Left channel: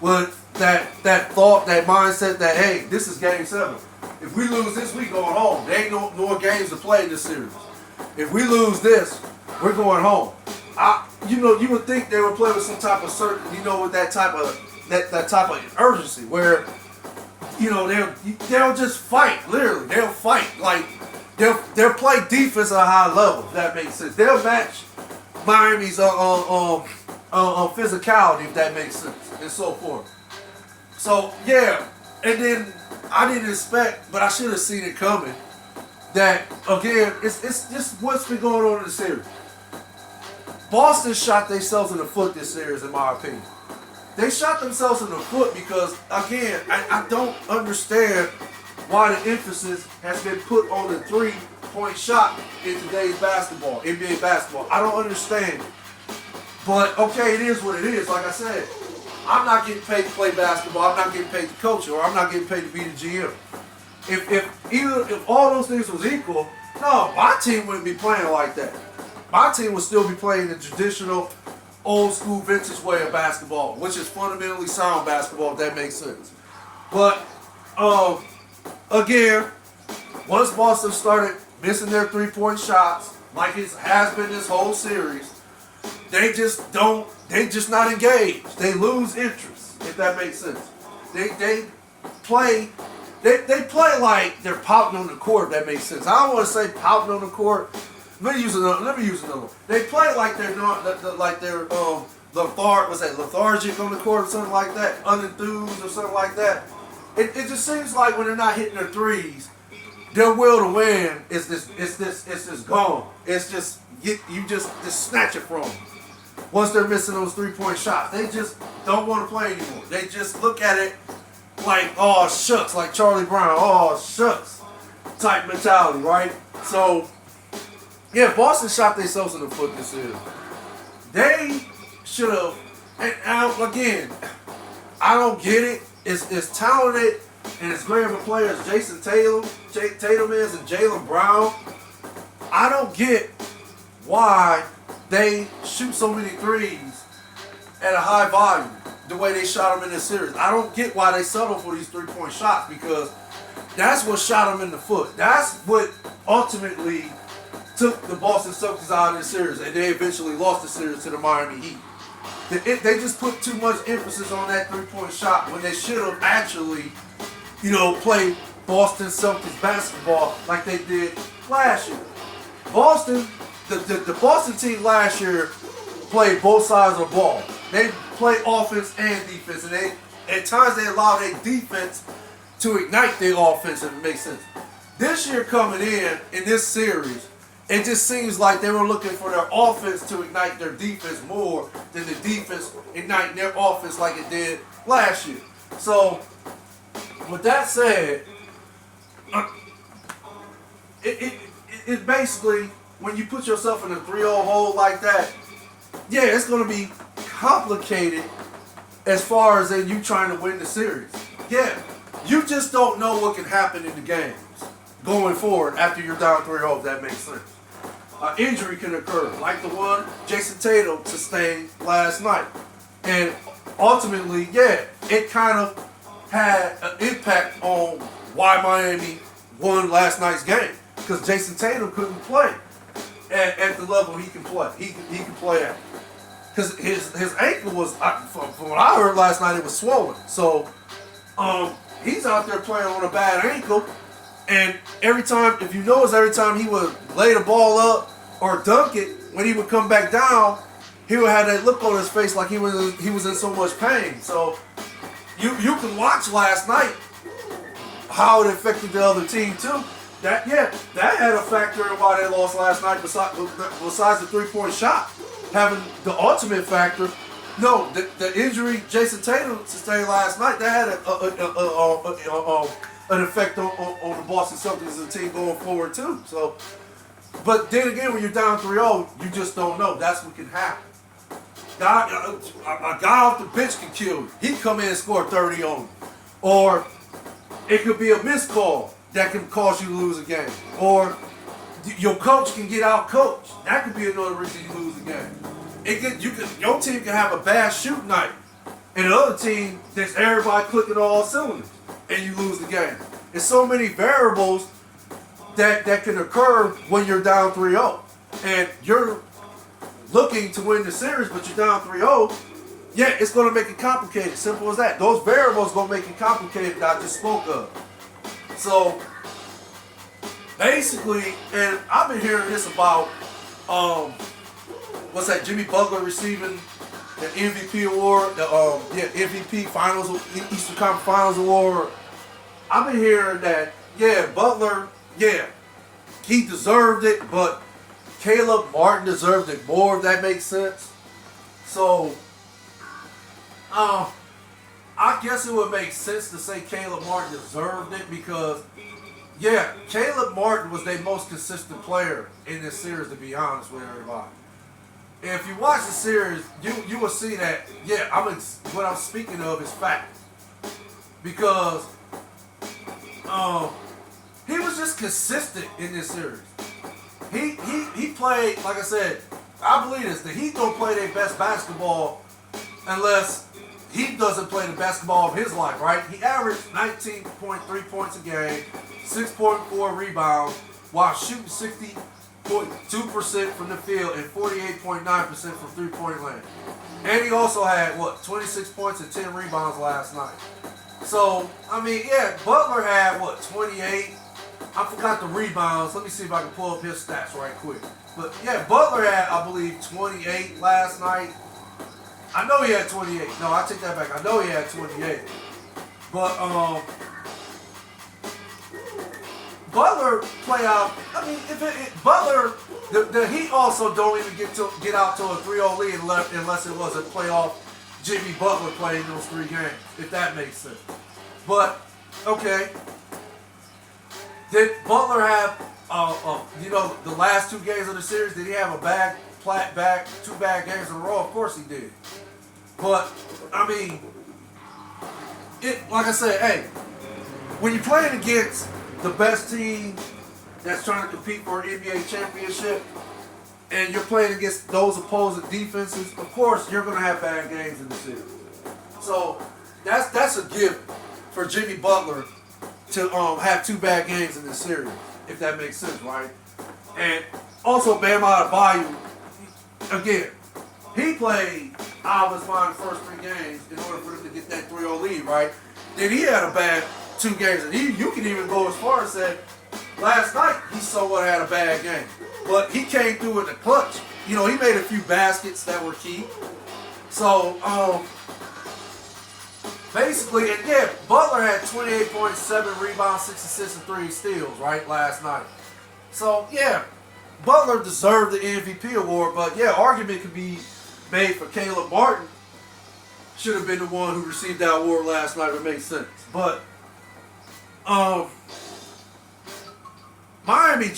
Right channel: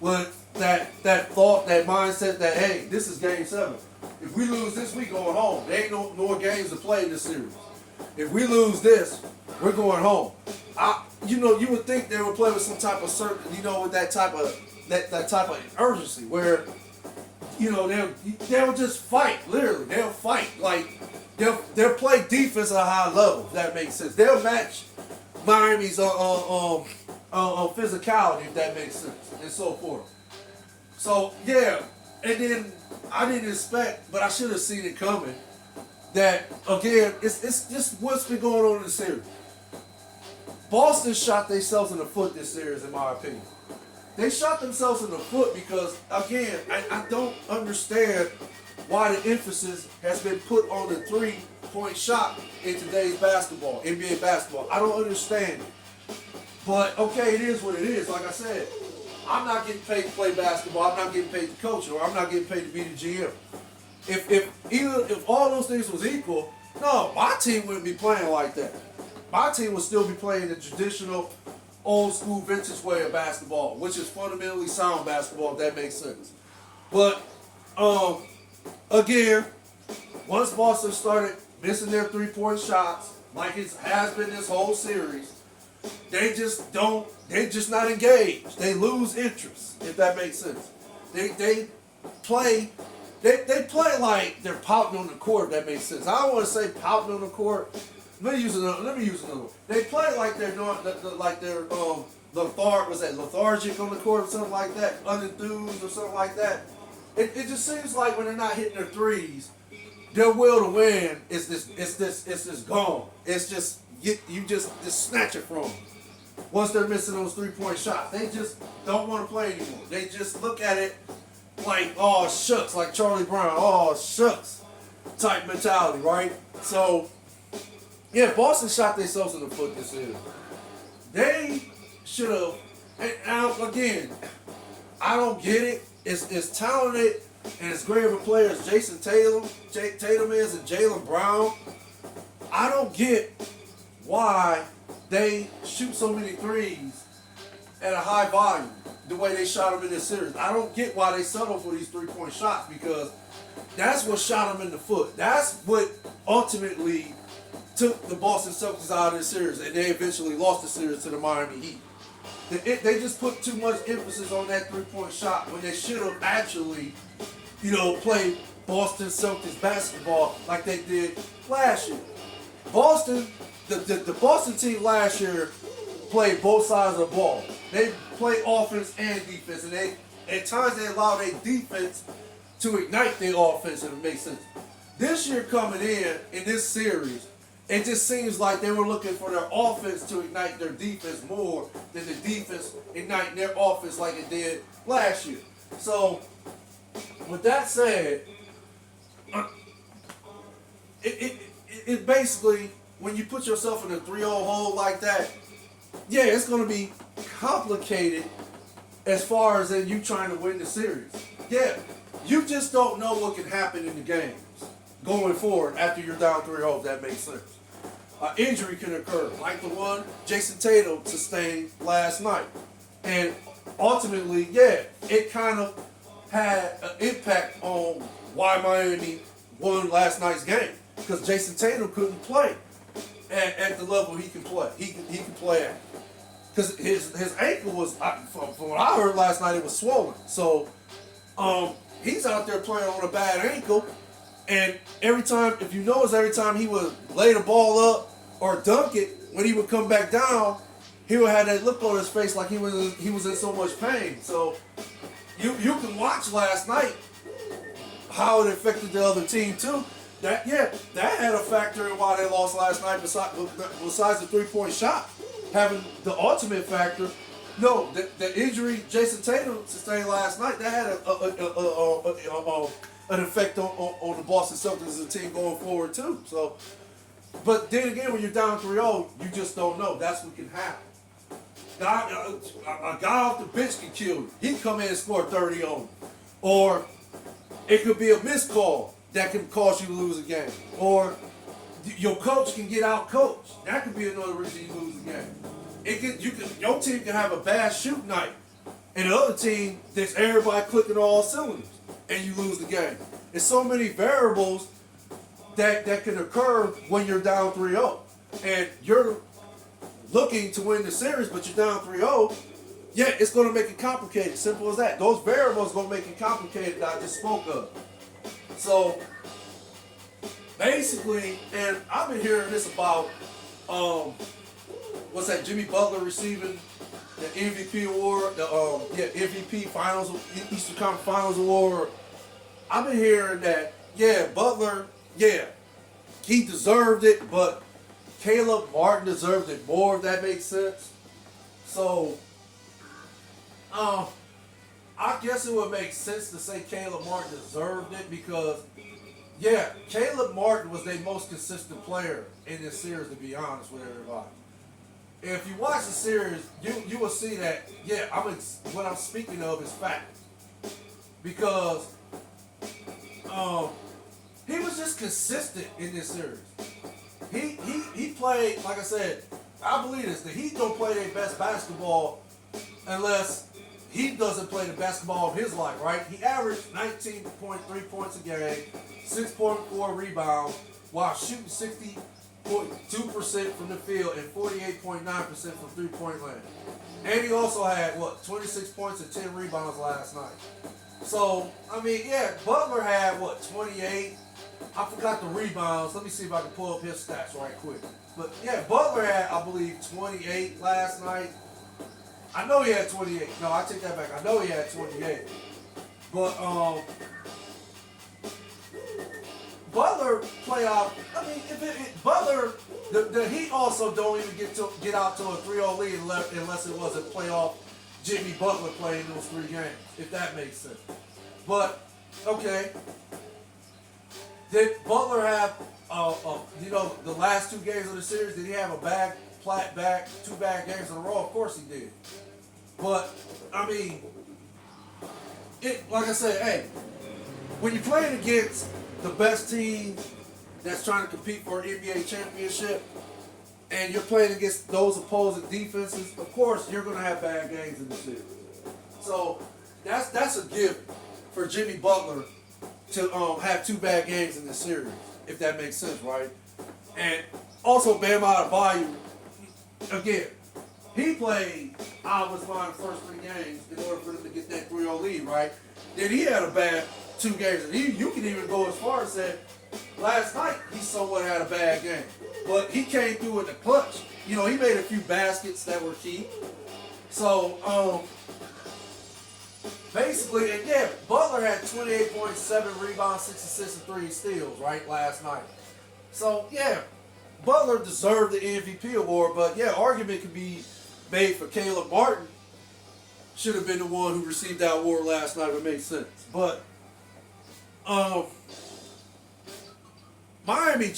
with that thought, that mindset that, hey, this is game 7. If we lose this, we going home. There ain't no more games to play in this series. If we lose this, we're going home. You would think they would play with some type of certain, with that type of urgency where, they'll just fight. Literally, they'll fight. Like they'll play defense at a high level. If that makes sense. They'll match Miami's on physicality, if that makes sense, and so forth. So yeah, and then I didn't expect, but I should have seen it coming. That again, it's just what's been going on in the series. Boston shot themselves in the foot this series, in my opinion. They shot themselves in the foot because, again, I don't understand why the emphasis has been put on the three-point shot in today's basketball, NBA basketball. I don't understand it. But, okay, it is what it is. Like I said, I'm not getting paid to play basketball. I'm not getting paid to coach, or I'm not getting paid to be the GM. If all those things was equal, no, my team wouldn't be playing like that. My team would still be playing the traditional, old school, vintage way of basketball, which is fundamentally sound basketball, if that makes sense. But again, once Boston started missing their three-point shots, like it has been this whole series, they just not engaged. They lose interest, if that makes sense. They play like they're pouting on the court, if that makes sense. I don't want to say pouting on the court. Let me use another one. They play like they're not, lethargic on the court or something like that, unenthused or something like that. It just seems like when they're not hitting their threes, their will to win is just gone. It's just you just snatch it from them. Once they're missing those 3-point shots, they just don't want to play anymore. They just look at it like, oh shucks, like Charlie Brown, oh shucks type mentality, right? So. Yeah, Boston shot themselves in the foot this year. They should have, and again, I don't get it. It's talented and it's great of a player as Jason Tatum is, and Jaylen Brown. I don't get why they shoot so many threes at a high volume the way they shot them in this series. I don't get why they settle for these 3-point shots, because that's what shot them in the foot. That's what ultimately took the Boston Celtics out of the series, and they eventually lost the series to the Miami Heat. They just put too much emphasis on that 3-point shot when they should have actually, played Boston Celtics basketball like they did last year. The Boston team last year played both sides of the ball. They played offense and defense, and at times they allowed their defense to ignite their offense, if it makes sense. This year coming in this series, it just seems like they were looking for their offense to ignite their defense more than the defense igniting their offense like it did last year. So, with that said, it basically, when you put yourself in a 3-0 hole like that, yeah, it's going to be complicated as far as in you trying to win the series. Yeah, you just don't know what can happen in the games going forward after you're down 3-0, if that makes sense. Injury can occur, like the one Jason Tatum sustained last night. And ultimately, yeah, it kind of had an impact on why Miami won last night's game. Because Jason Tatum couldn't play at the level he can play. He can play at. Because his ankle was, from what I heard last night, it was swollen. So he's out there playing on a bad ankle. And every time he would lay the ball up or dunk it, when he would come back down, he would have that look on his face like he was in so much pain. So you can watch last night how it affected the other team too. That had a factor in why they lost last night. Besides the 3-point shot having the ultimate factor. No, the injury Jason Tatum sustained last night, that had an effect on the Boston Celtics as a team going forward too. So, but then again, when you're down 3-0, you just don't know. That's what can happen. A guy off the bench can kill you. He come in and score 30 on you. Or it could be a missed call that can cause you to lose a game. Or your coach can get out coached. That could be another reason you lose a game. Your team can have a bad shoot night And the other team, there's everybody clicking all cylinders, and you lose the game. There's so many variables that can occur when you're down 3-0. And you're looking to win the series, but you're down 3-0. Yeah, it's going to make it complicated. Simple as that. Those variables going to make it complicated that I just spoke of. So, basically, and I've been hearing this about, Jimmy Butler receiving the MVP award, MVP Finals, Eastern Conference Finals award. I've been hearing that, Butler, he deserved it, but Caleb Martin deserved it more, if that makes sense. So, I guess it would make sense to say Caleb Martin deserved it because, Caleb Martin was their most consistent player in this series, to be honest with everybody. If you watch the series, you will see that, what I'm speaking of is fact. Because he was just consistent in this series. He played, like I said, I believe this, the Heat don't play their best basketball unless he doesn't play the basketball of his life, right? He averaged 19.3 points a game, 6.4 rebounds, while shooting 60.2% from the field and 48.9% from three-point land. And he also had, 26 points and 10 rebounds last night. So, Butler had, 28? I forgot the rebounds. Let me see if I can pull up his stats right quick. But, Butler had, I believe, 28 last night. I know he had 28. No, I take that back. I know he had 28. But, Butler play out. Butler, the Heat also don't even get out to a 3-0 lead unless it was a playoff Jimmy Butler playing those 3 games, if that makes sense. But okay, did Butler have the last 2 games of the series? Did he have two bad games in a row? Of course he did. But like I said, hey, when you're playing against the best team that's trying to compete for an NBA championship, and you're playing against those opposing defenses, of course you're going to have bad games in the series. So that's a gift for Jimmy Butler to have 2 bad games in this series, if that makes sense, right? And also Bam Adebayo, again, he played out of his mind the first 3 games in order for him to get that 3-0 lead, right? Then he had a bad 2 games, and you can even go as far as say last night he somewhat had a bad game, but he came through in the clutch. He made a few baskets that were key. So basically, and Butler had 28.7 rebounds, 6 assists, and 3 steals right last night. So Butler deserved the MVP award, but argument could be made for Caleb Martin should have been the one who received that award last night. It makes sense, but Miami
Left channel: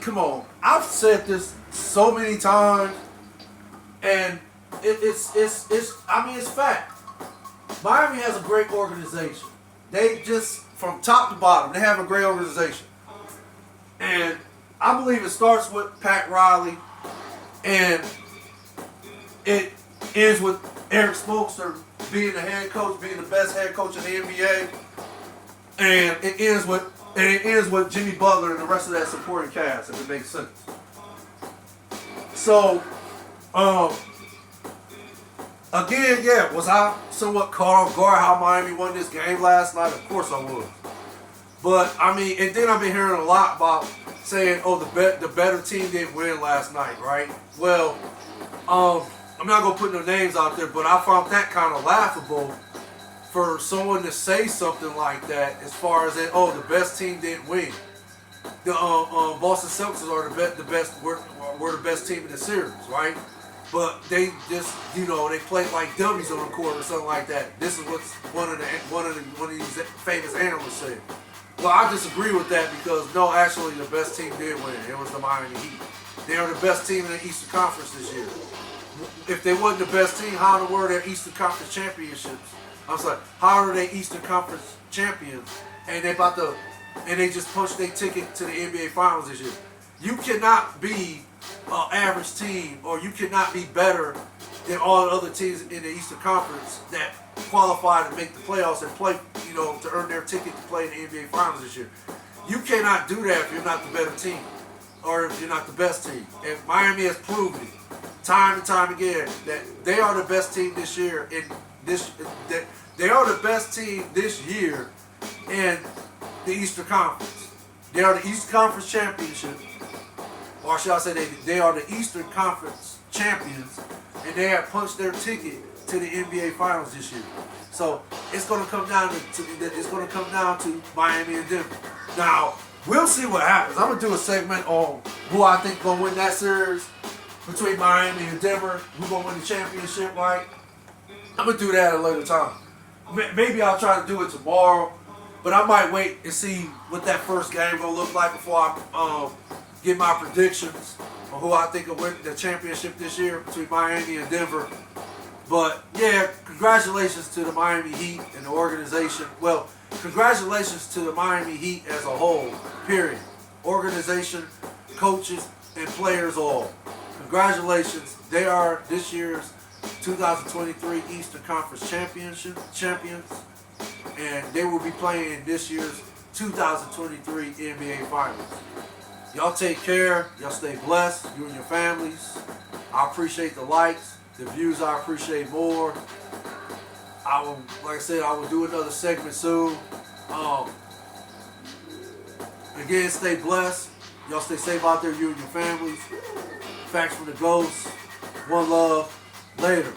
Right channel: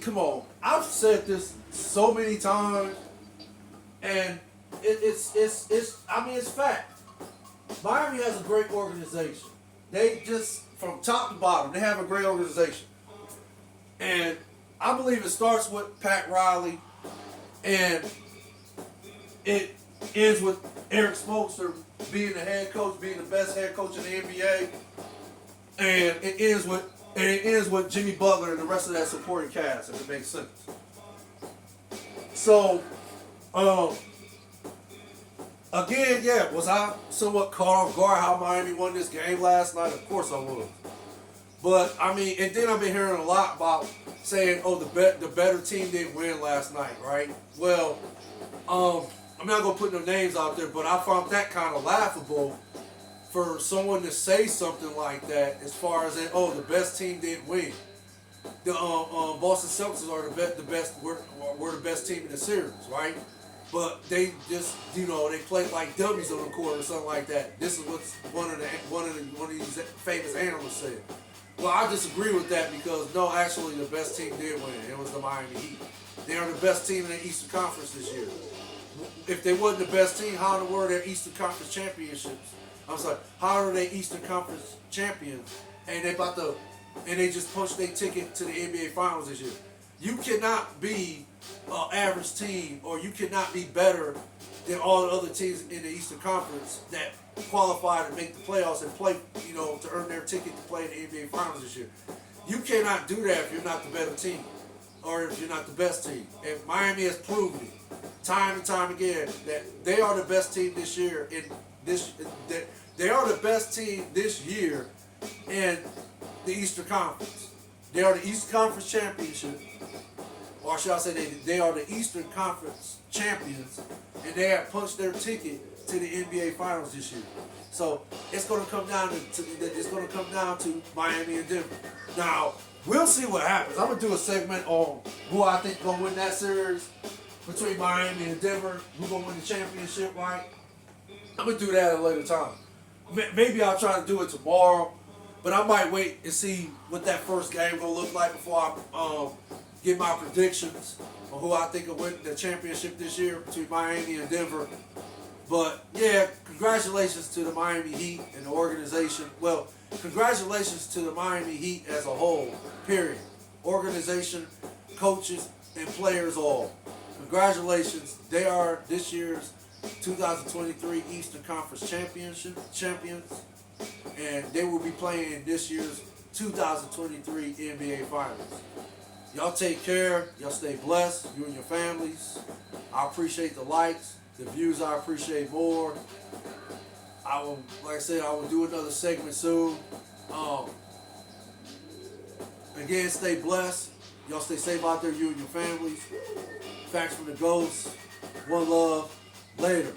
come on. I've said this so many times, and it's fact. Miami has a great organization. They just, from top to bottom, they have a great organization. And I believe it starts with Pat Riley, and it ends with Eric Spoelstra being the head coach, being the best head coach in the NBA. And it ends with Jimmy Butler and the rest of that supporting cast, if it makes sense. So, again, was I somewhat caught off guard how Miami won this game last night? Of course I was. But, and then I've been hearing a lot about saying, the better team didn't win last night, right? Well, I'm not going to put no names out there, but I found that kind of laughable for someone to say something like that, as far as that, the best team didn't win. The Boston Celtics are the best. We're the best team in the series, right? But they just, they played like dummies on the court or something like that. This is what one of these famous analysts said. Well, I disagree with that because no, actually, the best team did win. It was the Miami Heat. They are the best team in the Eastern Conference this year. If they wasn't the best team, how in the world are they Eastern Conference championships? I'm sorry, how are they Eastern Conference champions? And they just punched their ticket to the NBA Finals this year. You cannot be an average team, or you cannot be better than all the other teams in the Eastern Conference that qualify to make the playoffs and play, to earn their ticket to play in the NBA Finals this year. You cannot do that if you're not the better team or if you're not the best team. And Miami has proven it time and time again that they are the best team this year. They are the best team this year in the Eastern Conference. They are the Eastern Conference championship, or shall I say they are the Eastern Conference champions, and they have punched their ticket to the NBA Finals this year. So it's going to come down to Miami and Denver. Now we'll see what happens. I'm gonna do a segment on who I think gonna win that series between Miami and Denver. Who's gonna win the championship? Right? I'm gonna do that at a later time. Maybe I'll try to do it tomorrow, but I might wait and see what that first game will look like before I give my predictions on who I think will win the championship this year between Miami and Denver. But yeah, congratulations to the Miami Heat and the organization. Well, congratulations to the Miami Heat as a whole, period. Organization, coaches, and players all. Congratulations. They are this year's 2023 Eastern Conference champions, and they will be playing in this year's 2023 NBA Finals. Y'all take care. Y'all stay blessed, you and your families. I appreciate the likes. The views I appreciate more. Like I said, I will do another segment soon. Again, stay blessed. Y'all stay safe out there, you and your families. Facts from the Ghost. One love. Later.